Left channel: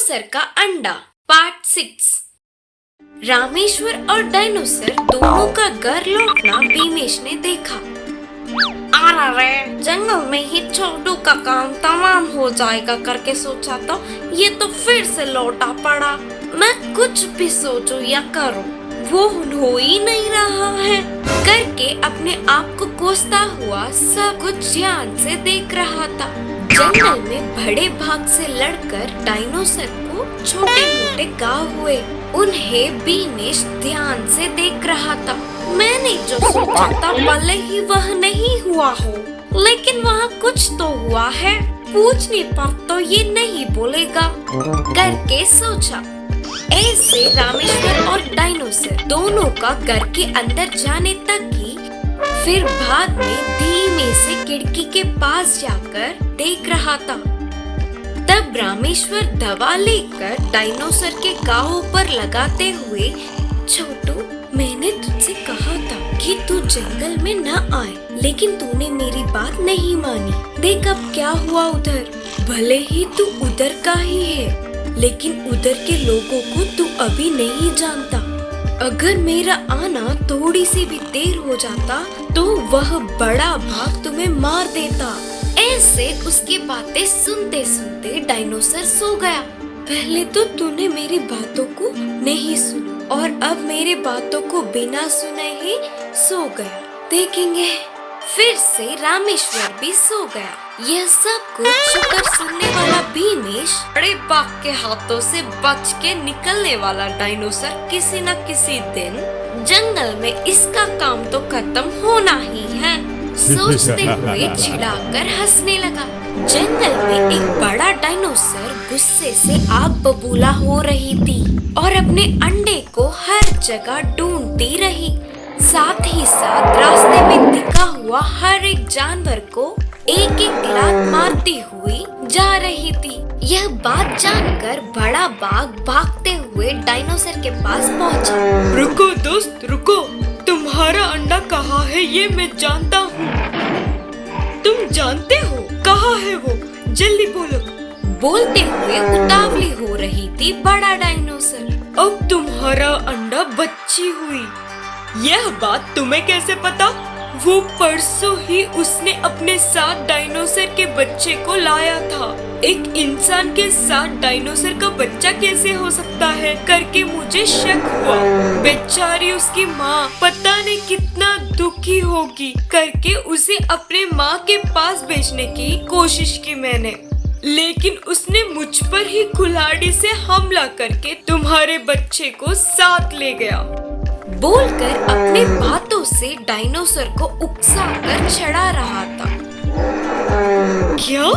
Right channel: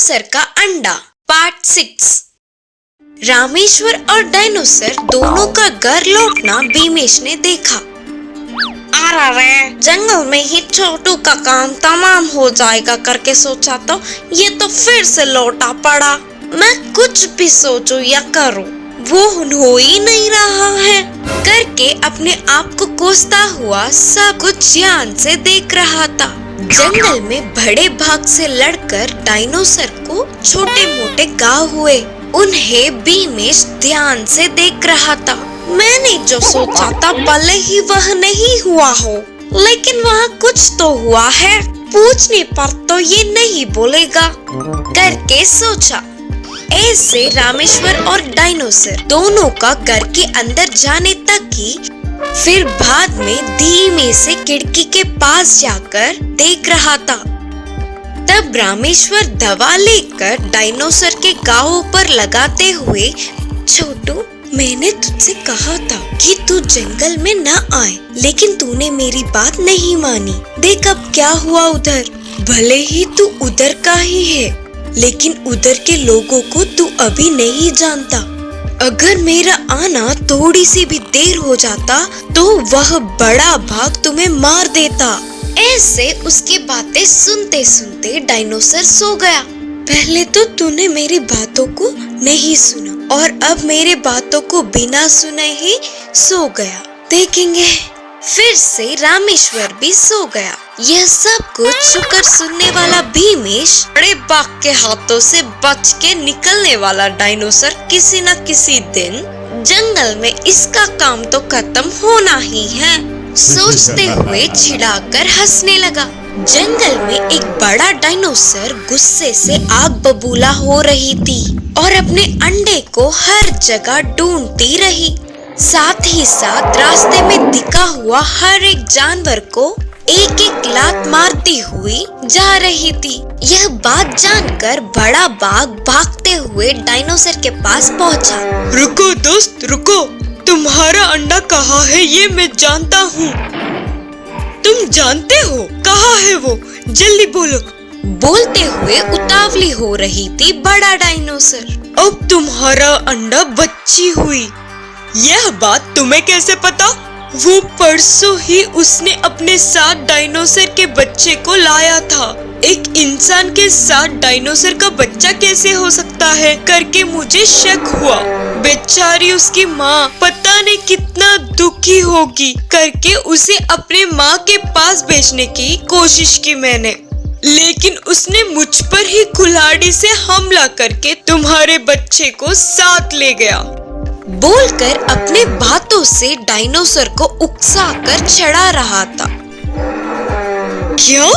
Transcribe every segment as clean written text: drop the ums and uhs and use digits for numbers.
Dinosaur का अंडा part 6। Rameshwar और डायनोसर दोनों का घर लौटना भीमेश ने देखा। अरे जंगल में ही छोटू का काम तमाम हो जाएगा करके सोचा तो ये तो फिर से लौटा पड़ा। मैं कुछ भी सोचूं या करूं वो हो ही नहीं रहा है करके अपने आप को कोसता हुआ सब कुछ ध्यान से देख रहा था। जंगल में बड़े भाग से लड़कर डायनोसर को छोटे मोटे घाव हुए। उन्हें भीमेश ध्यान से देख रहा था। मैंने जो सोचा था भले ही वह नहीं हुआ हो, लेकिन वह कुछ तो हुआ है। पूछने पर तो ये नहीं बोलेगा करके सोचा। ऐसे रामेश्वर और डायनोसर दोनों का घर के अंदर जाने तक ही, फिर बाद में धीमे से खिड़की के पास जाकर देख रहा था। तब रामेश्वर दवा लेकर डायनोसर के घावों पर लगाते हुए, छोटू मैंने तुझसे कहा था कि तू जंगल में न आए, लेकिन तूने मेरी बात नहीं मानी। देख अब क्या हुआ उधर। भले ही तू उधर का ही है, लेकिन उधर के लोगों को तू अभी नहीं जानता। अगर मेरा आना थोड़ी सी भी देर हो जाता तो वह बड़ा भाग तुम्हें मार देता। ऐसे उसकी बातें सुनते सुनते डायनोसर सो गया। पहले तो तूने मेरी बातों को नहीं सुना और अब मेरी बातों को बिना सुने ही सो गया। देखेंगे। फिर से रामेश्वर भी सो गया। यह सब कुछ छुपकर सुनने वाला भीमेश, बड़े बाघ के हाथों से बच के निकलने वाला डायनोसर किसी न किसी दिन जंगल में इसका काम तो खत्म होना ही है सोचते हुए चिढ़ाकर हंसने लगा। जंगल में एक बड़ा डायनोसर गुस्से से आग बबूला हो रही थी और अपने अंडे को हर जगह ढूंढती रही। साथ ही साथ रास्ते में दिखा हुआ हर एक जानवर को एक एक लात मारती हुई जा रही थी। यह बात जानकर बड़ा बाघ भागते हुए डायनोसर के पास पहुंचा। रुको दोस्त रुको, तुम्हारा अंडा कहाँ है ये मैं जानता हूँ। तुम जानते हो कहाँ है वो, जल्दी बोलो। बोलते हुए उतावली हो रही थी बड़ा डायनोसर। अब तुम्हारा अंडा बच्ची हुई, यह बात तुम्हें कैसे पता? वो परसों ही उसने अपने साथ डायनोसर के बच्चे को लाया था। एक इंसान के साथ डायनोसर का बच्चा कैसे हो सकता है करके मुझे शक हुआ। बेचारी उसकी माँ पता नहीं कितना दुखी होगी करके उसे अपने माँ के पास भेजने की कोशिश की मैंने, लेकिन उसने मुझ पर ही कुल्हाड़ी से हमला करके तुम्हारे बच्चे को साथ ले गया। बोलकर अपने बातों से डायनोसर को उकसाकर चढ़ा रहा था। क्या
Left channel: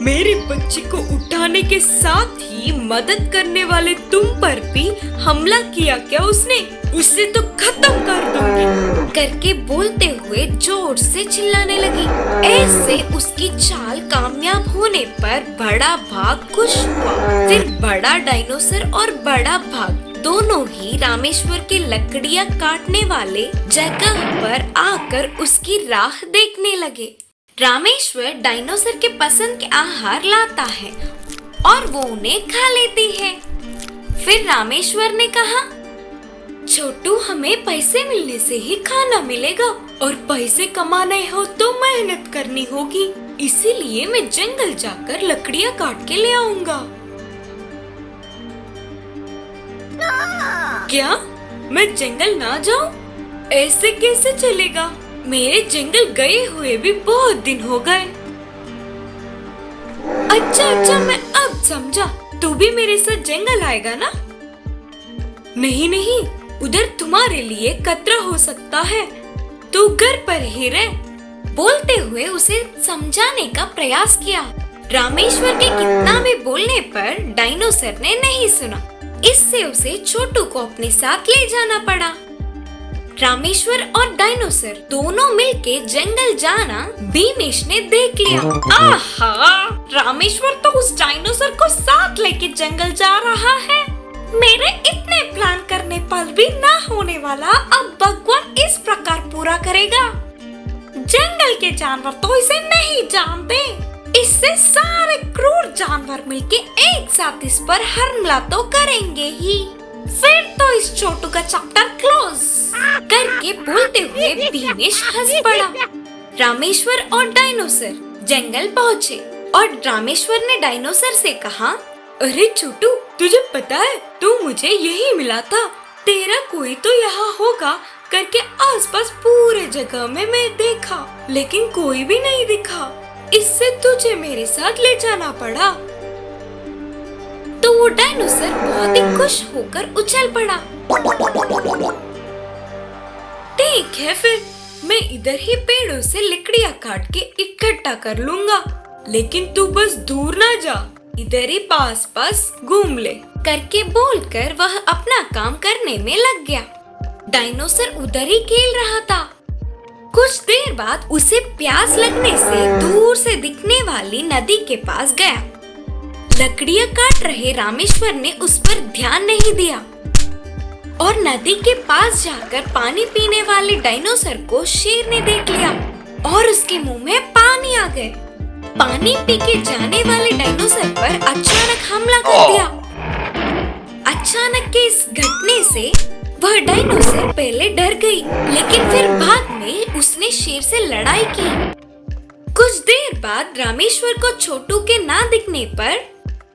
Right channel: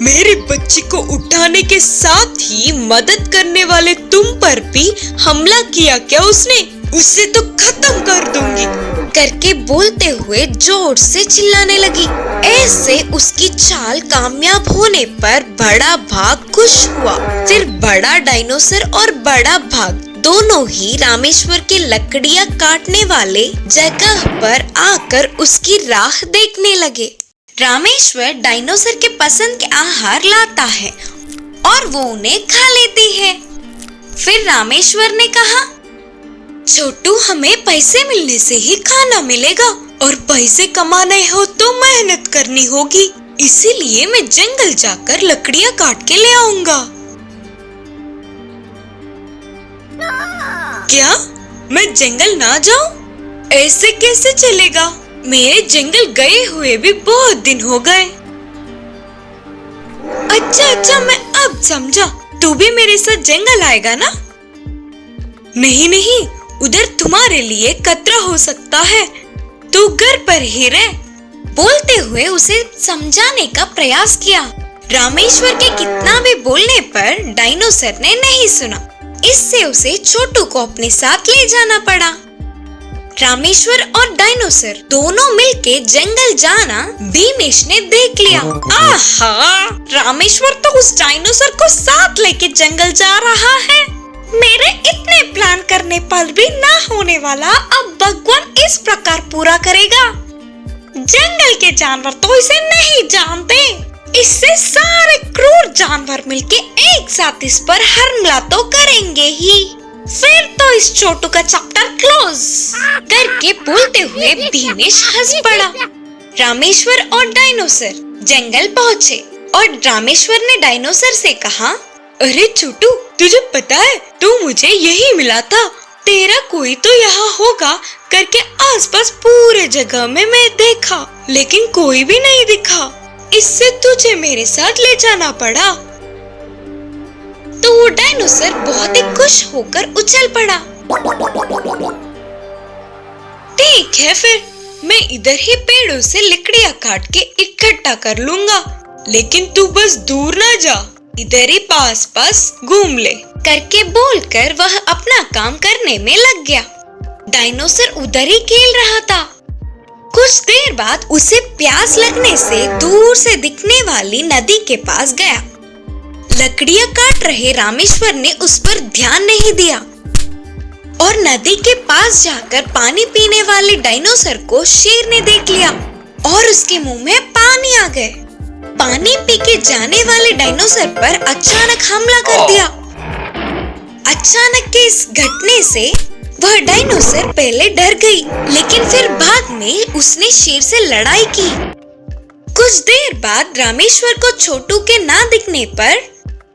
मेरे बच्ची को उठाने के साथ ही मदद करने वाले तुम पर भी हमला किया क्या उसने? उसे तो खत्म कर दूंगी करके बोलते हुए जोर से चिल्लाने लगी। ऐसे उसकी चाल कामयाब होने पर बड़ा भाग खुश हुआ। फिर बड़ा डायनोसर और बड़ा भाग दोनों ही रामेश्वर के लकड़ियां काटने वाले जगह पर आकर उसकी राह देखने लगे। रामेश्वर डायनोसर के पसंद के आहार लाता है और वो उन्हें खा लेती है। फिर रामेश्वर ने कहा, छोटू हमें पैसे मिलने से ही खाना मिलेगा और पैसे कमाने हो तो मेहनत करनी होगी, इसीलिए मैं जंगल जाकर लकड़ियां काट के ले आऊंगा। क्या मैं जंगल ना जाऊं? ऐसे कैसे चलेगा? मेरे जंगल गए हुए भी बहुत दिन हो गए। अच्छा मैं अब समझा, तू भी मेरे साथ जंगल आएगा ना? नहीं नहीं, उधर तुम्हारे लिए खतरा हो सकता है, तू घर पर ही रह। बोलते हुए उसे समझाने का प्रयास किया। रामेश्वर के कितना भी बोलने पर डायनोसर ने नहीं सुना। इससे उसे छोटू को अपने साथ ले जाना पड़ा। रामेश्वर और डायनोसर दोनों मिलके जंगल जाना भीमेश ने देख लिया। आहा, रामेश्वर तो उस डायनोसर को साथ लेके जंगल जा रहा है। मेरे इतने प्लान करने पर भी ना होने वाला अब भगवान इस प्रकार पूरा करेगा। जंगल के जानवर तो इसे नहीं जानते, इससे सारे क्रूर जानवर मिलके एक साथ इस पर हमला तो करेंगे ही। फिर तो इस छोटू का चैप्टर क्लोज करके बोलते हुए भीमेश हंस पड़ा। रामेश्वर और डायनोसर जंगल पहुँचे और रामेश्वर ने डायनोसर से कहा, अरे छोटू, तुझे पता है तू मुझे यही मिला था, तेरा कोई तो यहाँ होगा करके आसपास पूरे जगह में मैं देखा, लेकिन कोई भी नहीं दिखा। इससे तुझे मेरे साथ ले जाना पड़ा। तो वो डायनोसर बहुत ही खुश होकर उछल पड़ा। ठीक है, फिर मैं इधर ही पेड़ों से लकड़ियाँ काट के इकट्ठा कर लूंगा, लेकिन तू बस दूर ना जा, इधर ही पास पास घूम ले करके बोलकर वह अपना काम करने में लग गया। डायनोसर उधर ही खेल रहा था। कुछ देर बाद उसे प्यास लगने से दूर से दिखने वाली नदी के पास गया। लकड़ियाँ काट रहे रामेश्वर ने उस पर ध्यान नहीं दिया और नदी के पास जाकर पानी पीने वाले डायनोसर को शेर ने देख लिया और उसके मुंह में पानी आ गए। पानी पी के जाने वाले डायनोसर पर अचानक हमला कर दिया। अचानक के इस घटने से वह डायनोसर पहले डर गई, लेकिन फिर बाद में उसने शेर से लड़ाई की। कुछ देर बाद रामेश्वर को छोटू के ना दिखने पर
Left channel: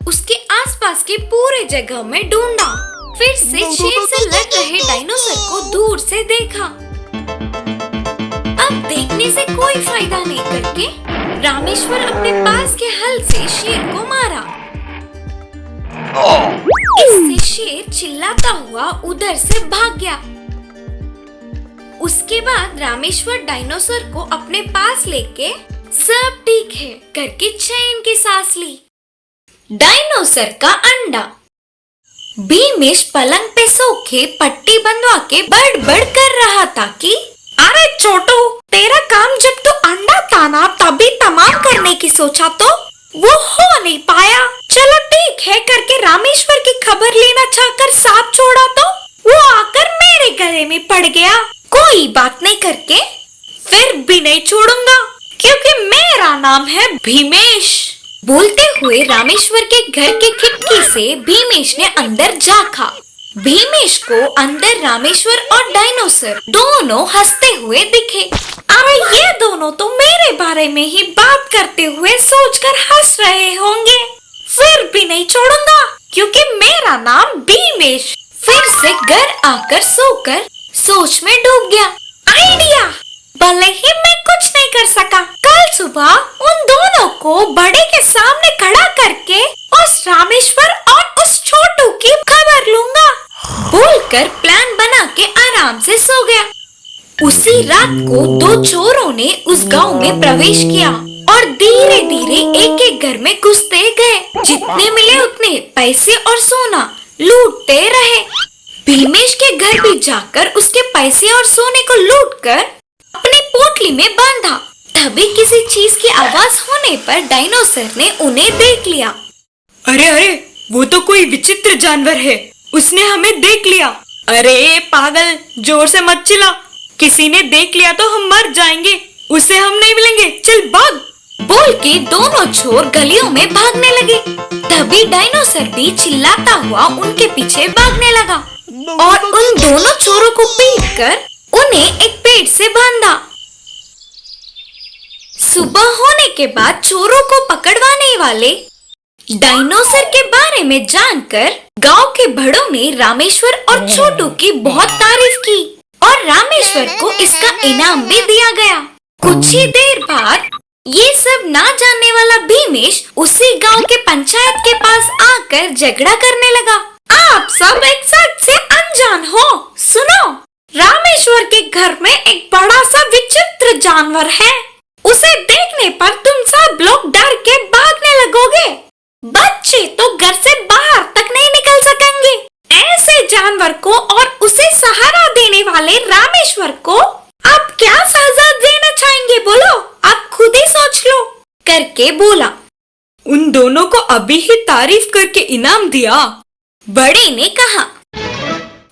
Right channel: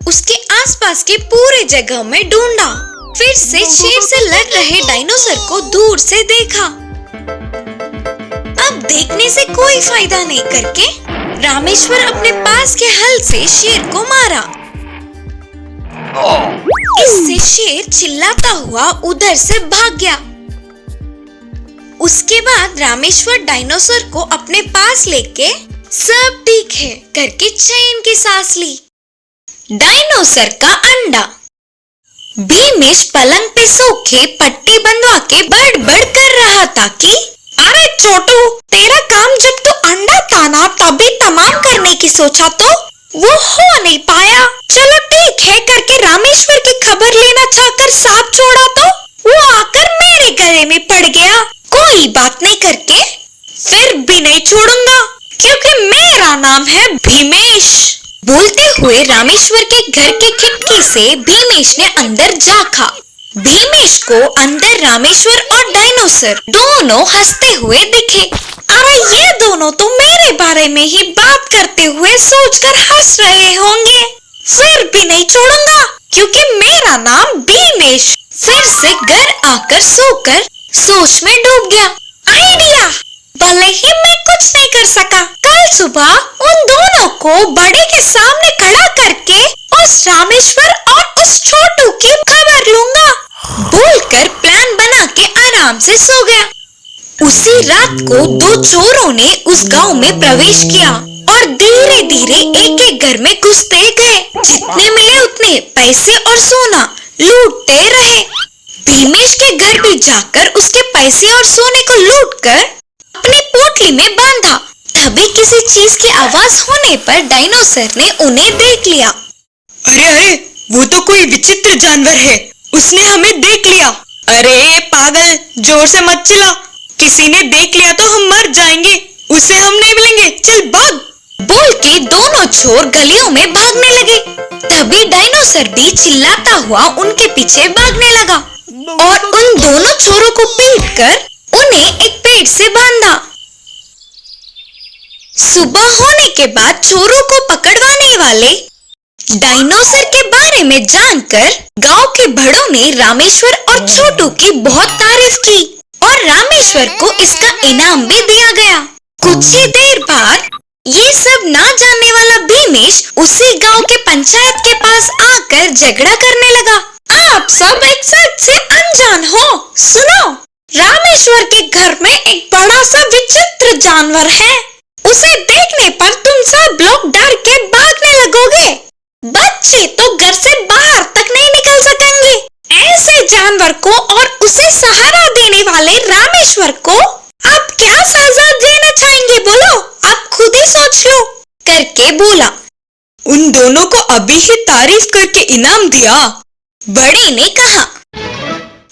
उसके आसपास के पूरे जगह में ढूंढा। फिर से शेर से लड़ रहे डायनोसर को दूर से देखा। अब देखने से कोई फायदा नहीं करके रामेश्वर अपने पास के हल से शेर को मारा। इससे शेर चिल्लाता हुआ उधर से भाग गया। उसके बाद रामेश्वर डायनोसर को अपने पास लेके सब ठीक है करके चैन की सांस ली। डायनोसर का अंडा। भीमेश पलंग पे सो के पट्टी बंधवा के बड़बड़ कर रहा था कि अरे छोटू, तेरा काम जब तू अंडा था ना तभी तमाम करने की सोचा तो वो हो नहीं पाया। चलो ठीक है करके रामेश्वर की खबर लेना चाहकर सांप छोड़ा तो वो आकर मेरे गले में पड़ गया। कोई बात नहीं करके फिर भी नहीं छोड़ूंगा क्योंकि मेरा नाम है भीमेश। बोलते हुए रामेश्वर के घर की खिड़की से भीमेश ने अंदर झांका। भीमेश को अंदर रामेश्वर और डायनोसर दोनों हंसते हुए दिखे। अरे ये दोनों तो मेरे बारे में ही बात करते हुए सोचकर हंस रहे होंगे। फिर भी नहीं छोड़ूंगा क्योंकि मेरा नाम भीमेश। फिर से घर आकर सोकर सोच में डूब गया। आइडिया! भले ही मैं कुछ नहीं कर सका, कल सुबह उन दोनों को बड़े के सामने खड़ा करके उस रामेश्वर और उस छोटू की खबर लूंगा। बोलकर प्लान बना के आराम से सो गया। उसी रात को दो चोरों ने उस गांव में प्रवेश किया और धीरे धीरे एक एक घर में घुसते गए। जितने मिले उतने पैसे और सोना लूटते रहे। भीमेश के घर भी जाकर उसके पैसे और सोने को लूटकर अपनी पोटली में बांधा। तभी किसी चीज की आवाज होने पर डायनोसर ने उन्हें देख लिया। अरे अरे, वो तो कोई विचित्र जानवर है, उसने हमें देख लिया। अरे पागल, जोर से मत चिल्ला, किसी ने देख लिया तो हम मर जाएंगे, उसे हम नहीं मिलेंगे, चल भाग। बोल के दोनों चोर गलियों में भागने लगे। तभी डायनोसर भी चिल्लाता हुआ उनके पीछे भागने लगा और उन दोनों चोरों को पीटकर उन्हें एक पेड़ से बांधा। सुबह होने के बाद चोरों को पकड़वाने वाले डायनोसर के बारे में जानकर गांव के बड़ों ने रामेश्वर और छोटू की बहुत तारीफ की और रामेश्वर को इसका इनाम भी दिया गया। कुछ ही देर बाद ये सब ना जानने वाला भीमेश उसी गांव के पंचायत के पास आकर झगड़ा करने लगा। आप सब एक साथ से अनजान हो, सुनो, रामेश्वर के घर में एक बड़ा सा विचित्र जानवर है। उसे देखने पर तुम सब लोग डर के भागने लगोगे। बच्चे तो घर से बाहर तक नहीं निकल सकेंगे। ऐसे जानवर को और उसे सहारा देने वाले रामेश्वर को आप क्या सजा देना चाहेंगे, बोलो, आप खुद ही सोच लो करके बोला। उन दोनों को अभी ही तारीफ करके इनाम दिया, बड़े ने कहा।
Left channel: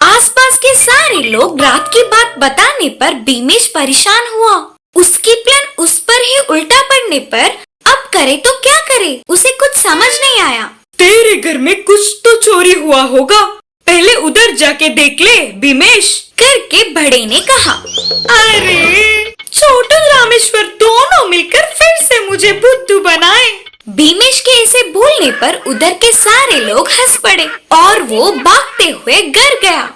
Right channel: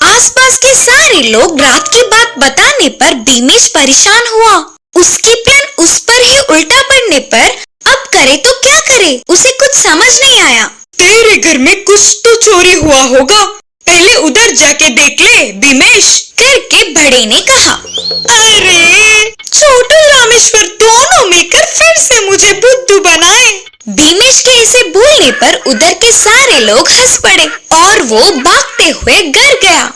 आसपास के सारे लोग रात की बात बताने पर भीमेश परेशान हुआ। उसकी प्लान उस पर ही उल्टा पड़ने पर अब करे तो क्या करे, उसे कुछ समझ नहीं आया। तेरे घर में कुछ तो चोरी हुआ होगा, पहले उधर जाके देख ले भीमेश, करके बड़े ने कहा। अरे छोटू रामेश्वर दोनों मिलकर फिर से मुझे बुद्धू बनाए। भीमेश के ऐसे बोलने पर उधर के सारे लोग हंस पड़े और वो भागते हुए घर गया।